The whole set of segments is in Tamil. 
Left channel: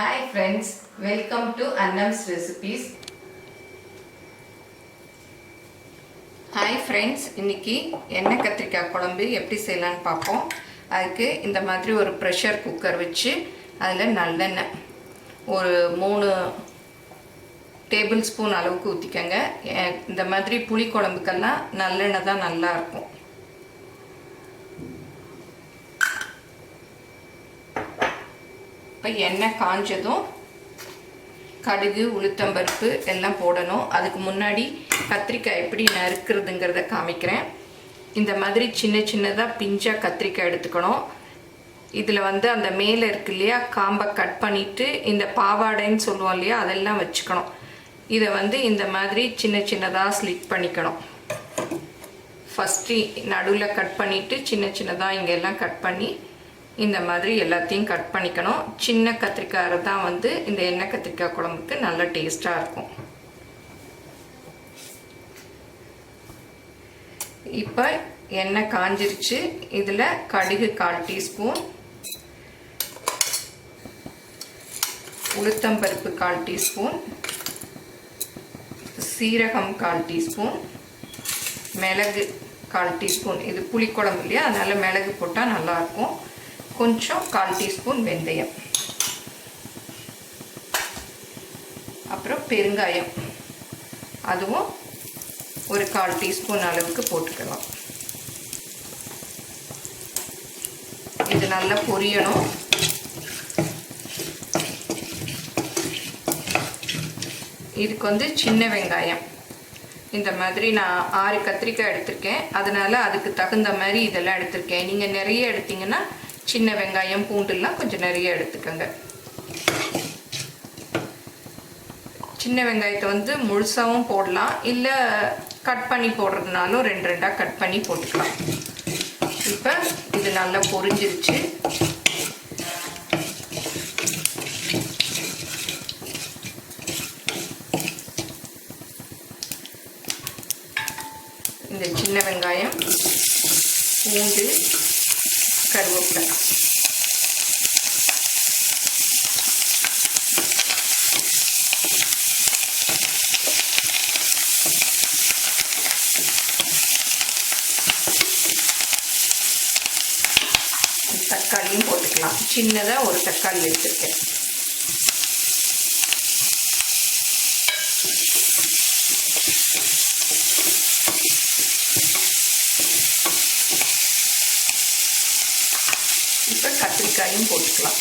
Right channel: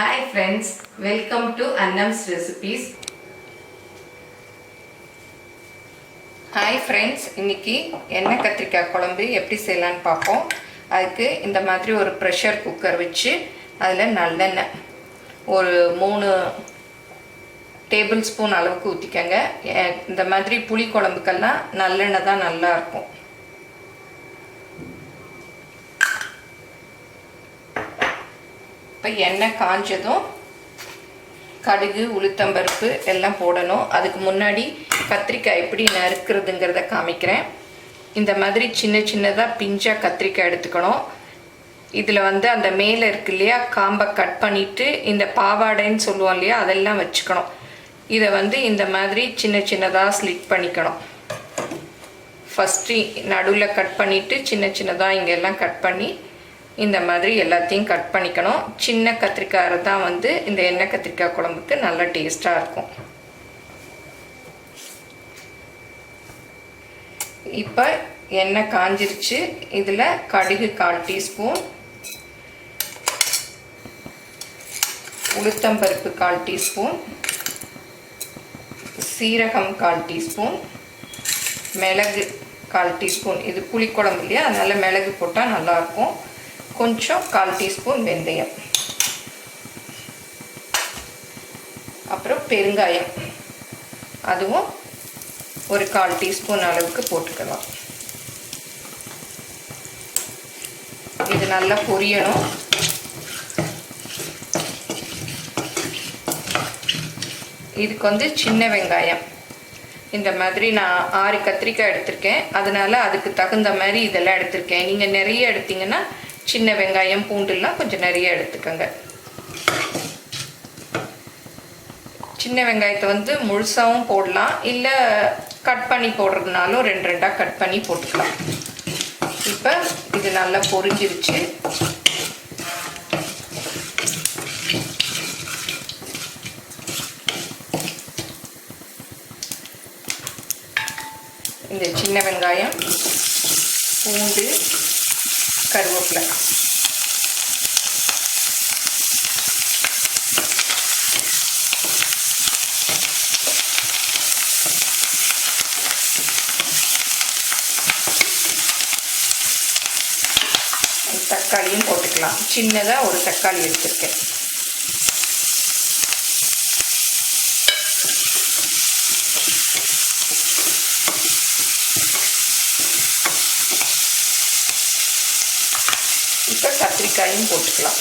Hi friends, welcome to Annam's Recipes. Hi friends, இன்னைக்கு எண்ணெய் கத்திரிக்காய் குழம்பு எப்படி செய்யலாம்னு பார்ப்போம். அதுக்கு இந்த மாதிரி ஒரு ப்ரெஷர் குக்கர் வச்சு அதில் நல்லெண்ணெய் ஒரு 3 டேபிள் ஸ்பூன் அளவுக்கு ஊற்றிக்கங்க. இந்த மாதிரி புளி குழம்புக்கெல்லாம் நல்லெண்ணெய் தான் நல்லா இருக்கும். இப்போ எண்ணெய் காஞ்சதும் கடுகு உளுத்தம்பருப்பு எல்லாம் போடணும். அதுக்கு முன்னாடி கத்திரிக்காய் எப்படி நறுக்கிறதுங்கிறத காமிக்கிறேன். இந்த மாதிரி சின்ன சின்னதாக பிஞ்சாக கத்திரிக்காய் எடுத்துக்கணும். இதில் அந்த மேலே இருக்கு இல்லையா, காம்பை கட் பண்ணிவிட்டு இந்த பாவாடைன்னு சொல்லுவோம் இல்லையா, அதெல்லாம் வச்சுக்கணும். இதை இந்த மாதிரி சின்ன சின்னதாக ஸ்லிட் பண்ணிக்கணும். ஃபஸ்ட்டு நடுவில் கட் பண்ணிவிட்டு சின்ன சின்னதாக இங்கெல்லாம் கட் பண்ணி இந்த மாதிரி எல்லாத்தையும் கட் பண்ணிக்கணும். சின்ன கத்திரிக்காய் தான் இந்த எண்ணெய் கத்திரிக்காய் குழம்புக்கு நல்ல டேஸ்ட்டாக இருக்கும். இப்போ எண்ணெய் காஞ்சிருச்சு. இதில் கடுகு 1/4 டீஸ்பூன், உளுத்தம்பருப்பு 1/4 டீஸ்பூன், சீரகம் 1/4 டீஸ்பூன், மிளகு 1/4 டீஸ்பூன். இது புளிக்குழம்பு இல்லையா, அதனால் மிளகு போட்டால் நல்லாயிருக்கும். கொஞ்சம் 1/4 டீஸ்பூன் வெந்தயம், அப்புறம் பெருங்காயம், அதுவும் ஒரு 1/4 டீஸ்பூன் அளவுக்கு போட்டுக்கலாம். இது நல்லா பொரியணும். இதுக்கு சின்ன வெங்காயம் இந்த மாதிரி நான் 6 கத்திரிக்காய் எடுத்திருக்கேன். அதனால் அதுக்கு தகுந்த மாதிரி இதெல்லாம் எடுத்திருக்கேன். நீங்கள் நிறைய எடுத்தீங்கன்னா சின்ன வெங்காயம் பூண்டுலாம் கொஞ்சம் நிறைய எடுத்துக்கோங்க. சின்ன வெங்காயத்தை முழுசாகவும் போடலாம், இல்லை கட் பண்ணி போடுறதுனாலும் 2 கட் பண்ணி போட்டுக்கலாம். இப்போ இது நல்லா பொரிஞ்சிருச்சு. இந்த சின்ன வெங்காயம், பூண்டு, கருவேப்பிலை, தக்காளியும் போட்டுக்கலாம். சின்னதாக ஒரு தக்காளி எடுத்துருக்கேன். இப்போ கத்திரிக்காயும் போட்டுக்கலாம்.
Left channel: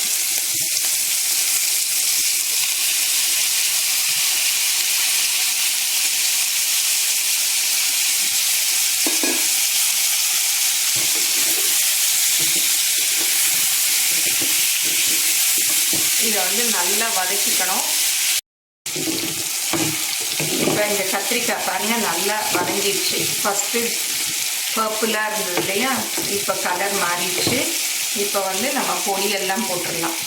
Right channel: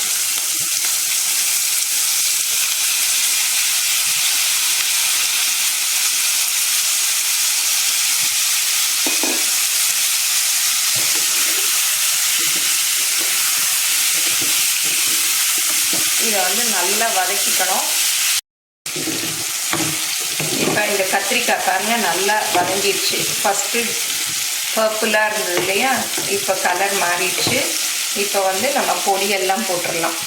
இதை நல்லா வதக்கிக்கணும். இப்போ இந்த கத்திரிக்காய் பாருங்கள் நல்லா வதங்கிடுச்சு. ஃபஸ்ட்டு பர்பிளாக இருந்தது இல்லையா, இப்போ கலர் மாறிடுச்சு. இப்போ நம்ம பொடியெல்லாம் போட்டுடலாம்.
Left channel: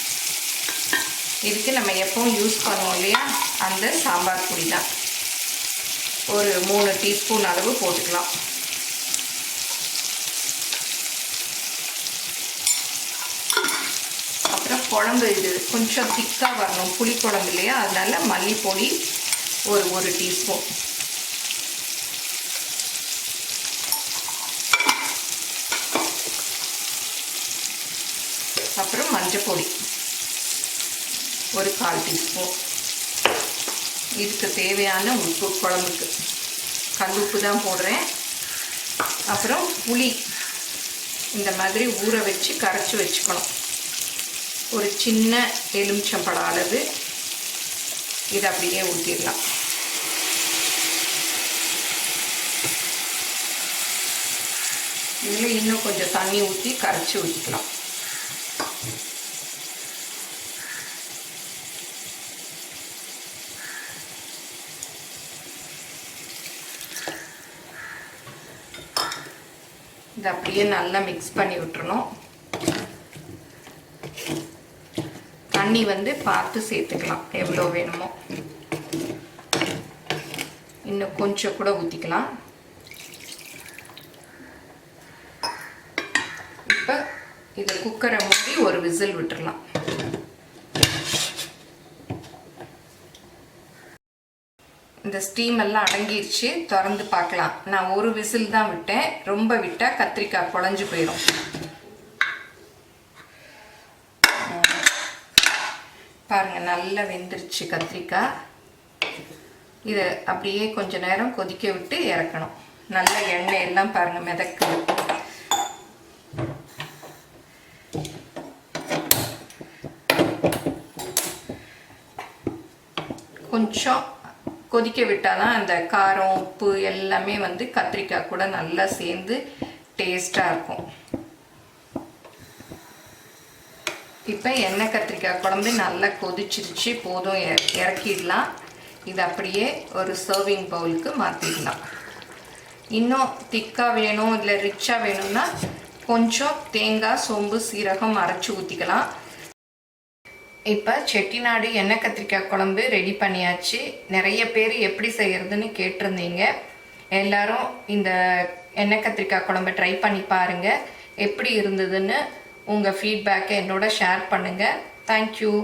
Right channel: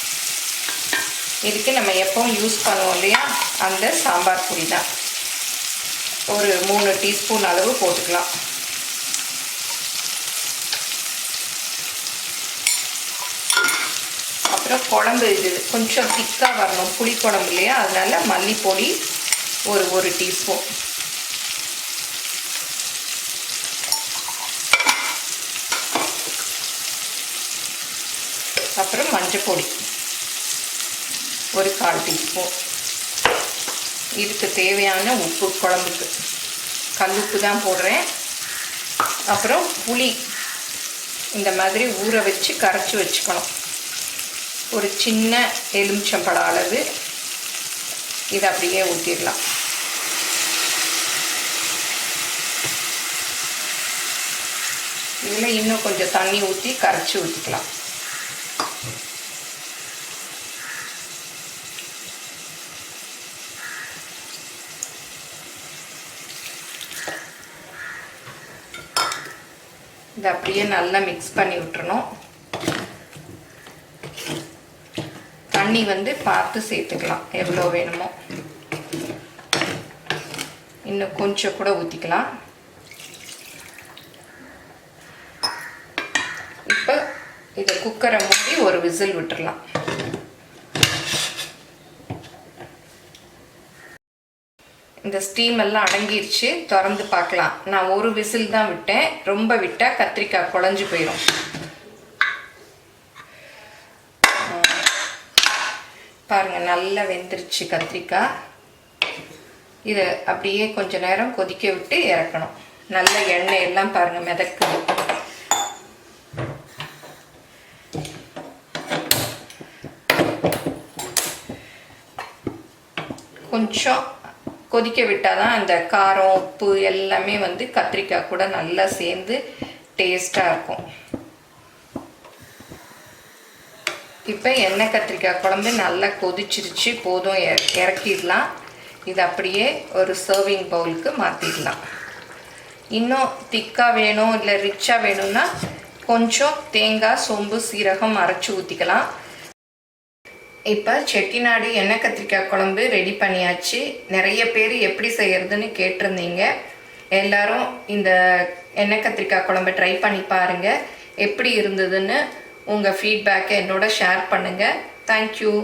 இதுக்கு நம்ம எப்பவும் யூஸ் பண்ணுவோம் இல்லையா, அந்த சாம்பார் பொடி தான் ஒரு 3 டீஸ்பூன் அளவு போட்டுக்கலாம். அப்புறம் குழம்பு இது கொஞ்சம் திக்காக வரணும், புளி குழம்பு இல்லையா, அதனால மல்லிப்பொடி ஒரு 1 டீஸ்பூன், அப்புறம் மஞ்சள் பொடி ஒரு 1/4 டீஸ்பூன். இதுக்கு தேவையான உப்பு, குழம்புக்கு கல் உப்பு தான் போடுறேன். அப்புறம் புளி இந்த மாதிரி ஊற வச்சு கரைச்சி வச்சுக்கணும். ஒரு சின்ன எலுமிச்சம்பழம் அளவு இதை அப்படியே ஊற்றிடலாம். இதில் இன்னும் கொஞ்சம் தண்ணி ஊற்றி கரைச்சி ஊற்றிக்கலாம். இதை அப்படியே நல்லா மிக்ஸ் பண்ணி விட்டுறணும். தண்ணி பார்த்து சேர்த்துக்கலாம், எவ்வளோ வேணுமோ. இன்னும் கொஞ்சம் கூட ஊற்றிக்கலாம். இப்போ இதை குக்கரை மூடி ஒரு விசில் விட்டுறலாம். இந்த ஸ்டீம் எல்லாம் அடங்கிருச்சு. திறந்து பார்க்கலாம். நான் ஒரு விசில் தான் விட்டேன். ரொம்ப விட்டால் கத்திரிக்காய் குழஞ்சி போயிடும். பாருங்கள், நல்லா வெந்துருச்சு கத்திரிக்காய். இதை அப்படியே கொஞ்ச நேரம் கொதிக்க விட்டு இறக்கணும். நல்ல எண்ணெய் எல்லாம் பாருங்கள் மிதக்குது. கொஞ்சம் கொதிக்க விட்டால் தான் அந்த காரம் உப்பு எல்லாமே வந்து கத்திரிக்காய் கூட நல்லா சேர்ந்து டேஸ்ட்டாக இருக்கும். இப்போ எண்ணெய் கத்திரிக்காய் குழம்பு நல்லா கொதிச்சிருச்சு. போதும், இறக்கிடலாம். இது அப்படியே ஒரு சர்விங் பவுலுக்கு மாற்றிடலாம். இன்னும் திக்காக வேணும் இல்லை ரிச்சாக வேணும்னா கொஞ்சம் தேங்காய், சோம்பு, சீரகம் அரைச்சி ஊற்றிக்கலாம். இப்போ செட்டிநாடு எண்ணெய் கத்திரிக்காய் குழம்பு ரெடி பண்ணியாச்சு. நிறைய பேர் எப்படி செய்கிறதுன்னு கேட்டிருந்தீங்க. எல்லோரும் இந்த எண்ணெய் கத்திரிக்காய் குழம்பு ட்ரை பண்ணி பாருங்கள். எப்படி இருந்ததுன்னு உங்கள் ஃபீட்பேக்கை என்னோட ஷேர் பண்ணுங்கள். தேங்க்யூ.